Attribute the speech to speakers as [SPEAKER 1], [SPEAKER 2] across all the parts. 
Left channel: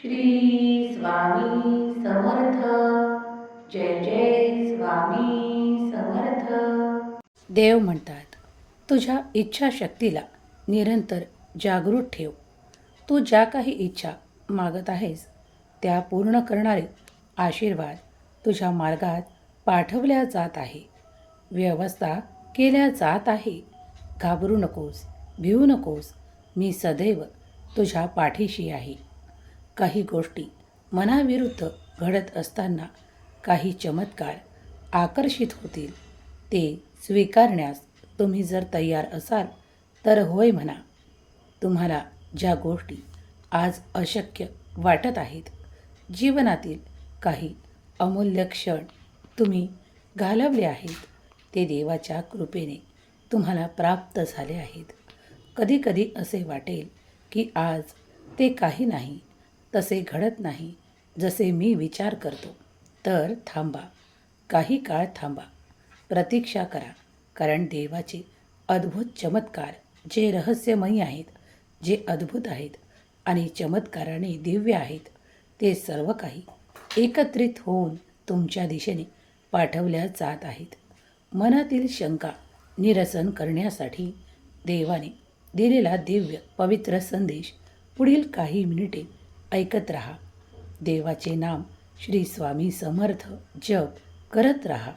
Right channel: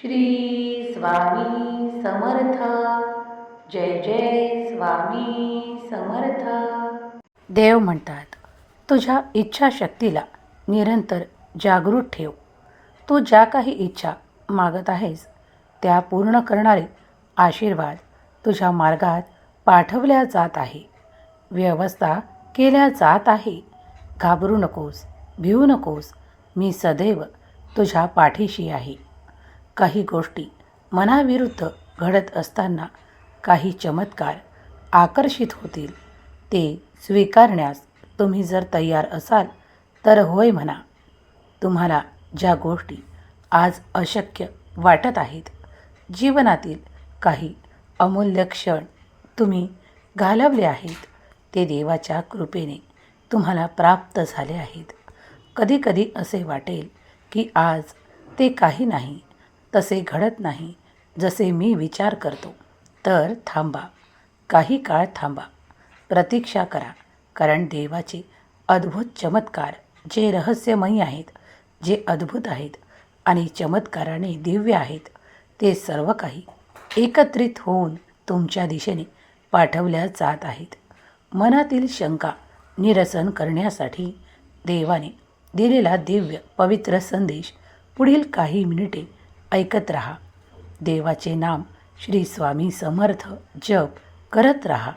[SPEAKER 1] श्री स्वामी समर्थ. जय जय स्वामी समर्थ. देव म्हणतात तुझ्या इच्छाशक्तीला निरंतर जागृत ठेव. तू ज्या काही इच्छा मागत आहेस त्या पूर्ण करणारे आशीर्वाद तुझ्या मार्गात पाठवल्या जात आहे. व्यवस्था केल्या जात आहे. घाबरू नकोस भिवू नकोस मी सदैव तुझ्या पाठीशी आहे. काही गोष्टी मनाविरुद्ध घडत असताना काही चमत्कार आकर्षित होतील ते स्वीकारण्यास तुम्ही जर तयार असाल तर होय म्हणा. तुम्हाला ज्या गोष्टी आज अशक्य वाटत आहेत जीवनातील काही अमूल्य क्षण तुम्ही घालवले आहेत ते देवाच्या कृपेने तुम्हाला प्राप्त झाले आहेत. कधीकधी असे वाटेल की आज ते काही नाही तसे घडत नाही जसे मी विचार करतो. तर थांबा. काही काळ थांबा. प्रतीक्षा करा. कारण देवाचे अद्भुत चमत्कार जे रहस्यमयी आहेत जे अद्भुत आहेत आणि चमत्काराने दिव्य आहेत ते सर्व काही एकत्रित होऊन तुमच्या दिशेने पाठवल्या जात आहेत. मनातील शंका निरसन करण्यासाठी देवाने दिलेला दिव्य पवित्र संदेश पुढील काही मिनिटे ऐकत राहा. देवाचे नाम श्री स्वामी समर्थ जप करत राहा.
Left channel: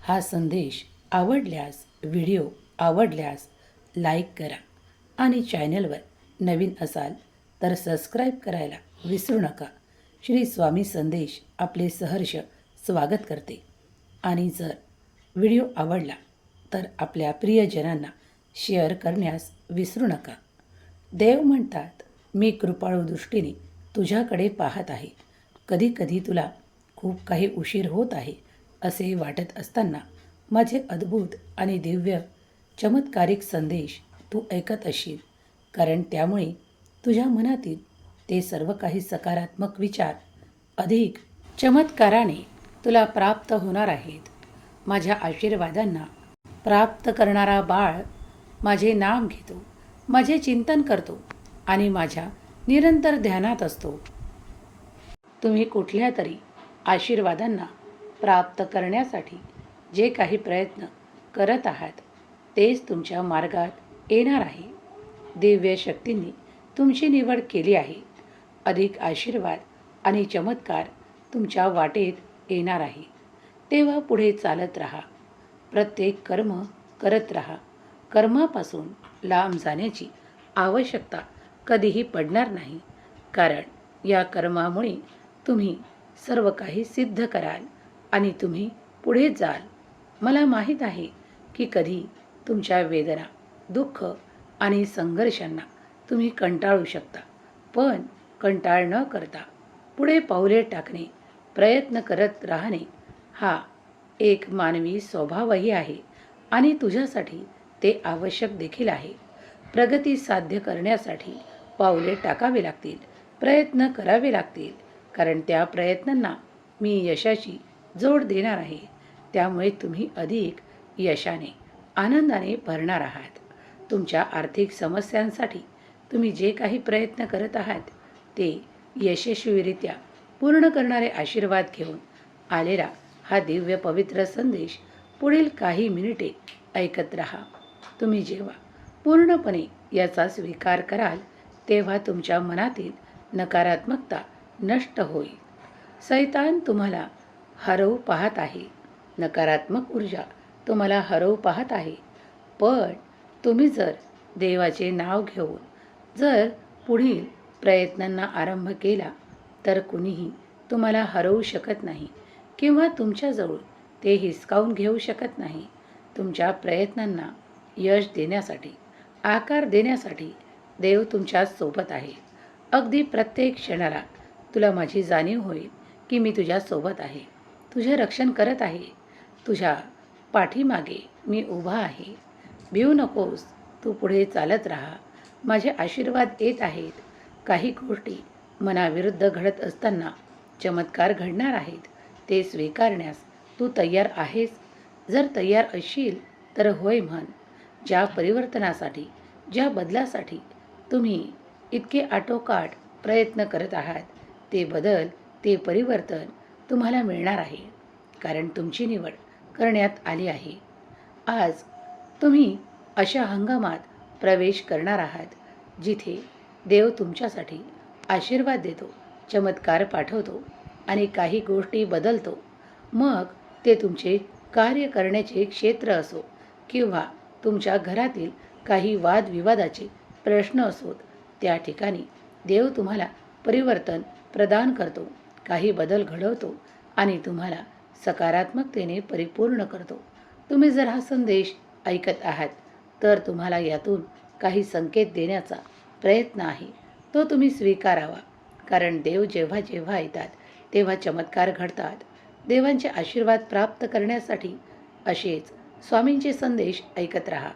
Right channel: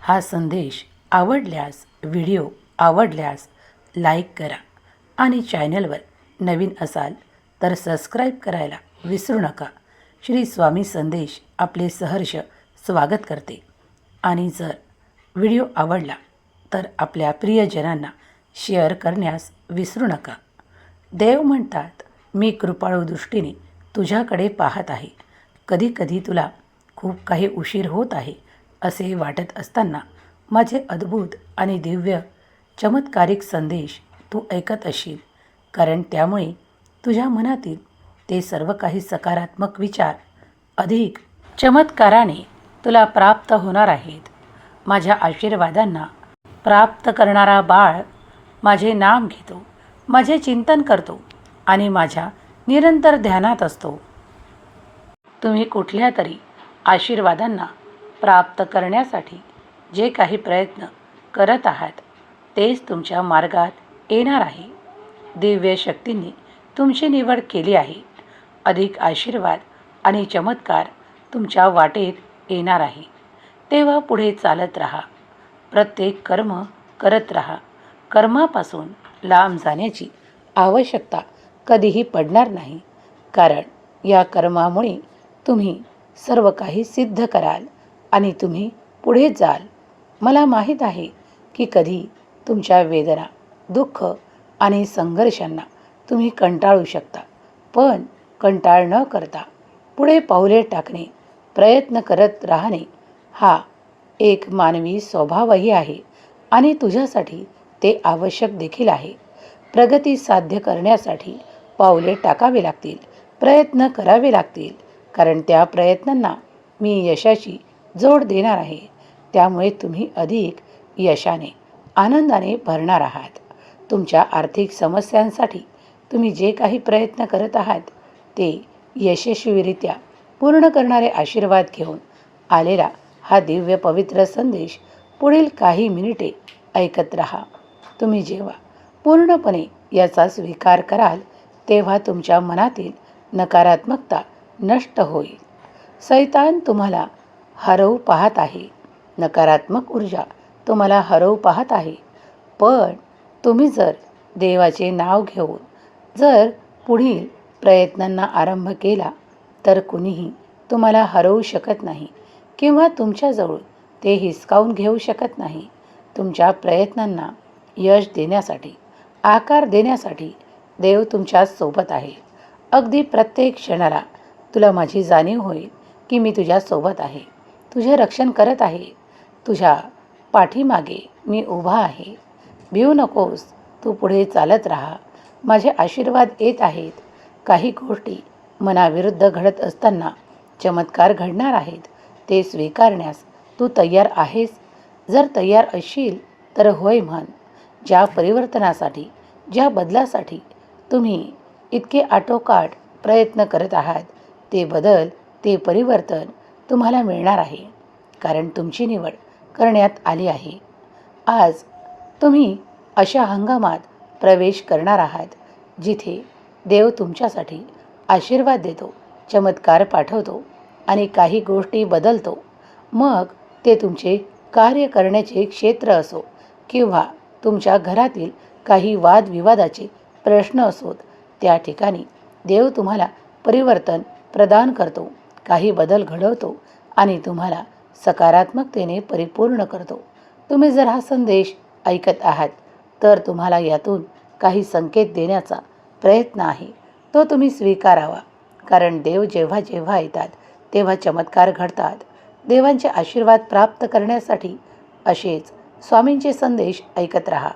[SPEAKER 1] हा संदेश आवडल्यास व्हिडिओ आवडल्यास लाईक करा आणि चॅनलवर नवीन असाल तर सबस्क्राईब करायला विसरू नका. श्री स्वामी संदेश आपले सहर्ष स्वागत करते. आणि जर व्हिडिओ आवडला तर आपल्या प्रियजनांना शेअर करण्यास विसरू नका. देव म्हणतात मी कृपाळू दृष्टीने तुझ्याकडे पाहत आहे. कधीकधी तुला खूप काही उशीर होत आहे असे वाटत असताना माझे अद्भुत आणि दिव्य चमत्कारिक संदेश तू ऐकत असशील कारण त्यामुळे तुझ्या मनातील ते सर्व काही सकारात्मक विचार अधिक चमत्काराने तुला प्राप्त होणार आहेत. माझ्या आशीर्वादांना प्राप्त करणारा बाळ माझे नाम घेतो माझे चिंतन करतो आणि माझ्या निरंतर ध्यानात असतो. तुम्ही कुठल्या तरी आशीर्वादांना प्राप्त करण्यासाठी जे काही प्रयत्न करत आहात तेच तुमच्या मार्गात येणार आहे. दिव्य शक्तींनी तुमची निवड केली आहे. अधिक आशीर्वाद आणि चमत्कार तुमच्या वाटेत येणार आहे. तेव्हा पुढे चालत राहा. प्रत्येक कर्म करत राहा. कर्मापासून लांब जाण्याची आवश्यकता कधीही पडणार नाही. कारण या कर्मामुळे तुम्ही सर्व काही सिद्ध कराल आणि तुम्ही पुढे जाल. मला माहीत आहे की कधी तुमच्या वेदना दुःख आणि संघर्षांना तुम्ही कंटाळू शकता पण कंटाळ न करता पुढे पाऊले टाकणे प्रयत्न करत राहणे हा एक मानवी स्वभावही आहे आणि तुझ्यासाठी ते आवश्यक देखील आहे. प्रगती साध्य करण्यासाठी पावले टाकावे लागतील. प्रयत्न करावे लागतील. कारण त्या प्रयत्नांना मी यशाची जोड देणार आहे. त्यामुळे तुम्ही अधिक यशाने आनंदाने भरणार आहात. तुमच्या आर्थिक समस्यांसाठी तुम्ही जे काही प्रयत्न करत आहात ते यशस्वीरित्या पूर्ण करणारे आशीर्वाद घेऊन आलेला हा दिव्य पवित्र संदेश पुढील काही मिनिटे ऐकत रहा. तुम्ही जेव्हा पूर्णपणे याचा स्वीकार कराल तेव्हा तुमच्या मनातील नकारात्मकता नष्ट होईल. सैतान तुम्हाला हरवू पाहत आहे. नकारात्मक ऊर्जा तुम्हाला हरवू पाहत आहे. पण तुम्ही जर देवाचे नाव घेऊन जर पुढील प्रयत्नांना आरंभ केला तर कुणीही तुम्हाला हरवू शकत नाही किंवा तुमच्याजवळ ते हिसकावून घेऊ शकत नाही. तुमच्या प्रयत्नांना यश देण्यासाठी आकार देण्यासाठी देव तुमच्यासोबत आहे. अगदी प्रत्येक क्षणाला तुला माझी जाणीव होईल की मी तुझ्यासोबत आहे. तुझे रक्षण करत आहे. तुझ्या पाठीमागे मी उभा आहे. भिऊ नकोस तू पुढे चालत राहा. माझे आशीर्वाद येत आहेत. काही गोष्टी मनाविरुद्ध घडत असताना चमत्कार घडणार आहेत. ते स्वीकारण्यास तू तयार आहेस. जर तयार असशील तर होय म्हण. ज्या परिवर्तनासाठी ज्या बदलासाठी तुम्ही इतके आटोकाट प्रयत्न करत आहात ते बदल ते परिवर्तन तुम्हाला मिळणार आहे. कारण तुमची निवड करण्यात आली आहे. आज तुम्ही अशा हंगामात प्रवेश करणार आहात जिथे देव तुमच्यासाठी आशीर्वाद देतो चमत्कार पाठवतो आणि काही गोष्टी बदलतो. मग ते तुमचे कार्य करण्याचे क्षेत्र असो किंवा तुमच्या घरातील काही वादविवादाचे प्रश्न असोत. त्या ठिकाणी देव तुम्हाला परिवर्तन प्रदान करतो. काही बदल घडवतो आणि तुम्हाला सकारात्मकतेने परिपूर्ण करतो. तुम्ही जर हा संदेश ऐकत आहात तर तुम्हाला यातून काही संकेत देण्याचा प्रयत्न आहे. तो तुम्ही स्वीकारावा. कारण देव जेव्हा जेव्हा येतात तेव्हा चमत्कार घडतात. देवांचे आशीर्वाद प्राप्त करण्यासाठी असेच स्वामींचे संदेश ऐकत राहा.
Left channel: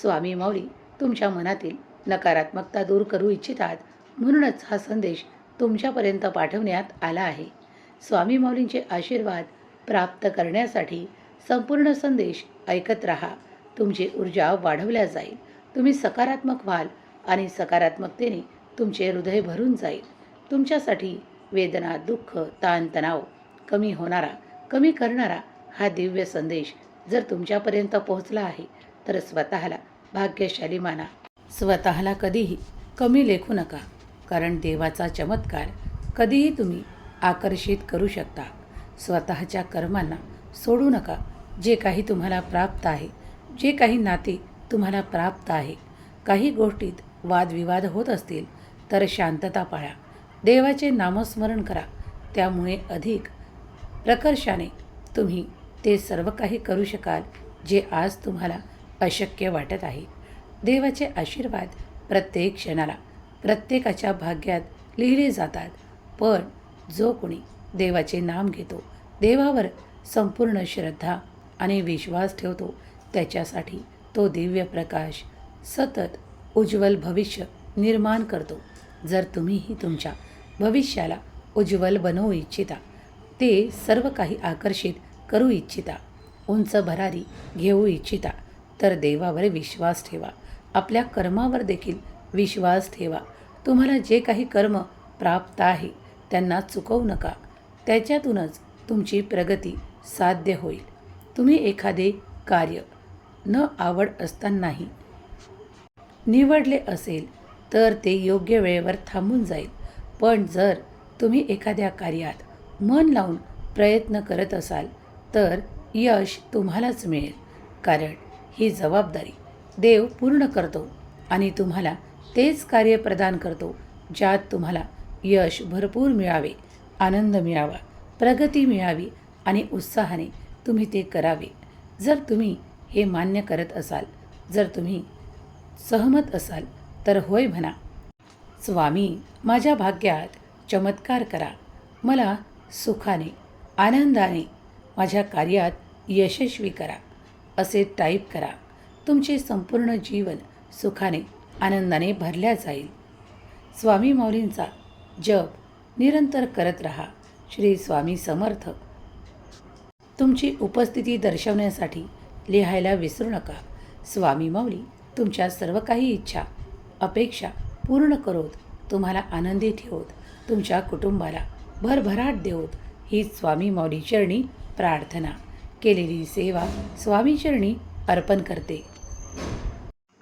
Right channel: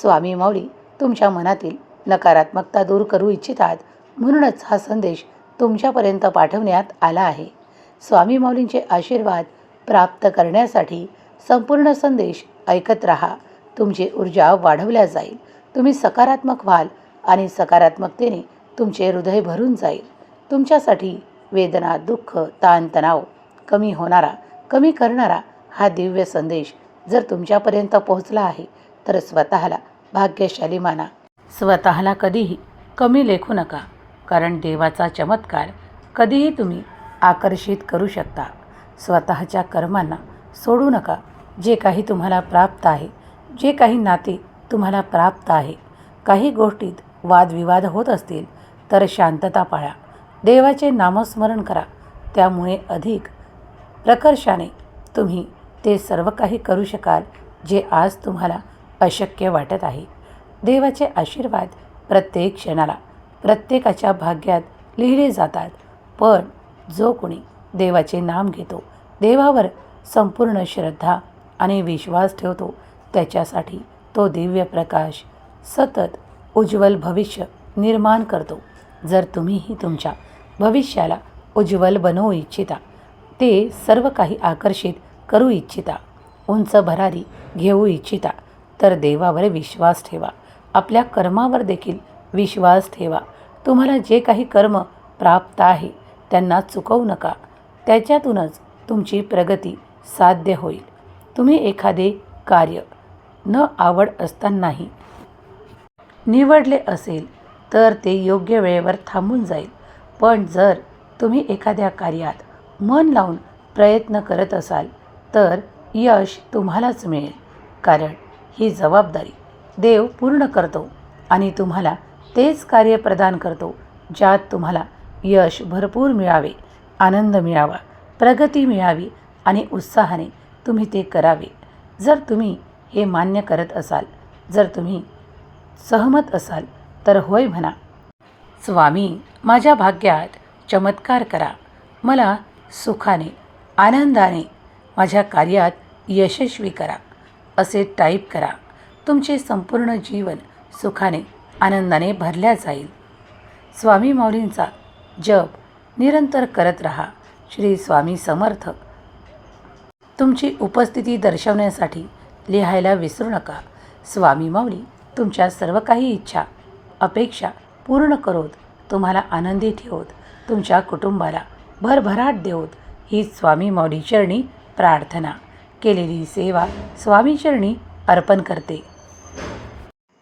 [SPEAKER 1] स्वामी माऊली तुमच्या मनातील नकारात्मकता दूर करू इच्छितात म्हणूनच हा संदेश तुमच्यापर्यंत पाठवण्यात आला आहे. स्वामी माऊलींचे आशीर्वाद प्राप्त करण्यासाठी संपूर्ण संदेश ऐकत राहा. तुमची ऊर्जा वाढवल्या जाईल. तुम्ही सकारात्मक व्हाल आणि सकारात्मकतेने तुमचे हृदय भरून जाईल. तुमच्यासाठी वेदना दुःख ताणतणाव कमी होणारा कमी करणारा हा दिव्य संदेश जर तुमच्यापर्यंत पोहोचला आहे तर स्वतःला भाग्यशाली माना. स्वतःला कधीही कमी लेखू नका कारण देवाचा चमत्कार कधीही तुम्ही आकर्षित करू शकता. स्वतःच्या कर्मांना सोडू नका. जे काही तुम्हाला प्राप्त आहे जे काही नाते तुम्हाला प्राप्त आहे काही गोष्टीत वादविवाद होत असतील तर शांतता पाळा. देवाचे नामस्मरण करा. त्यामुळे अधिक प्रकर्षाने तुम्ही ते सर्व काही करू शकाल जे आज तुम्हाला अशक्य वाटत आहे. देवाचे आशीर्वाद प्रत्येक क्षणाला प्रत्येकाच्या भाग्यात लिहिले जातात. पण जो कोणी देवाचे नाम घेतो देवावर संपूर्ण श्रद्धा आणि विश्वास ठेवतो त्याच्यासाठी तो दिव्य प्रकाश सतत उज्ज्वल भविष्य निर्माण करतो. जर तुम्हीही तुमच्या भविष्याला उज्ज्वल बनवू इच्छिता ते सर्व काही आकर्षित करू इच्छिता उंच भरारी घेऊ इच्छिता तर देवावर विश्वास ठेवा. आपल्या कर्मावर देखील विश्वास ठेवा. तुम्हाला जे काही कर्म प्राप्त आहे त्यांना चुकवू नका. त्याच्यातूनच तुमची प्रगती साध्य होईल. तुम्ही एखादे कार्य न आवड असतानाही निवडले असेल तर ते योग्य वेळेवर थांबून जाईल. पण जर तुम्ही एखाद्या कार्यात मन लावून प्रयत्न करत असाल तर यश तुम्हालाच मिळेल. कारण ही जबाबदारी देव पूर्ण करतो आणि तुम्हाला तेच कार्य प्रदान करतो ज्यात तुम्हाला यश भरपूर मिळावे आनंद मिळावा प्रगती मिळावी आणि उत्साहाने तुम्ही ते करावे. जर तुम्ही हे मान्य करत असाल जर तुम्ही सहमत असाल तर होय म्हणा. स्वामी माझ्या भाग्यात चमत्कार करा. मला सुखाने आनंदाने माझ्या कार्यात यशस्वी करा. असे टाईप करा. तुमचे संपूर्ण जीवन सुखाने आनंदाने भरल्या जाईल. स्वामी माऊलींचा जप निरंतर करत राहा. श्री स्वामी समर्थ. तुमची उपस्थिती दर्शवण्यासाठी लिहायला विसरू नका. स्वामी माऊली तुमच्या सर्व काही इच्छा अपेक्षा पूर्ण करोत. तुम्हाला आनंदी ठेवत. तुमच्या कुटुंबाला भरभराट देवत. ही स्वामी माऊली चरणी प्रार्थना. केलेली सेवा स्वामी चरणी अर्पण करते.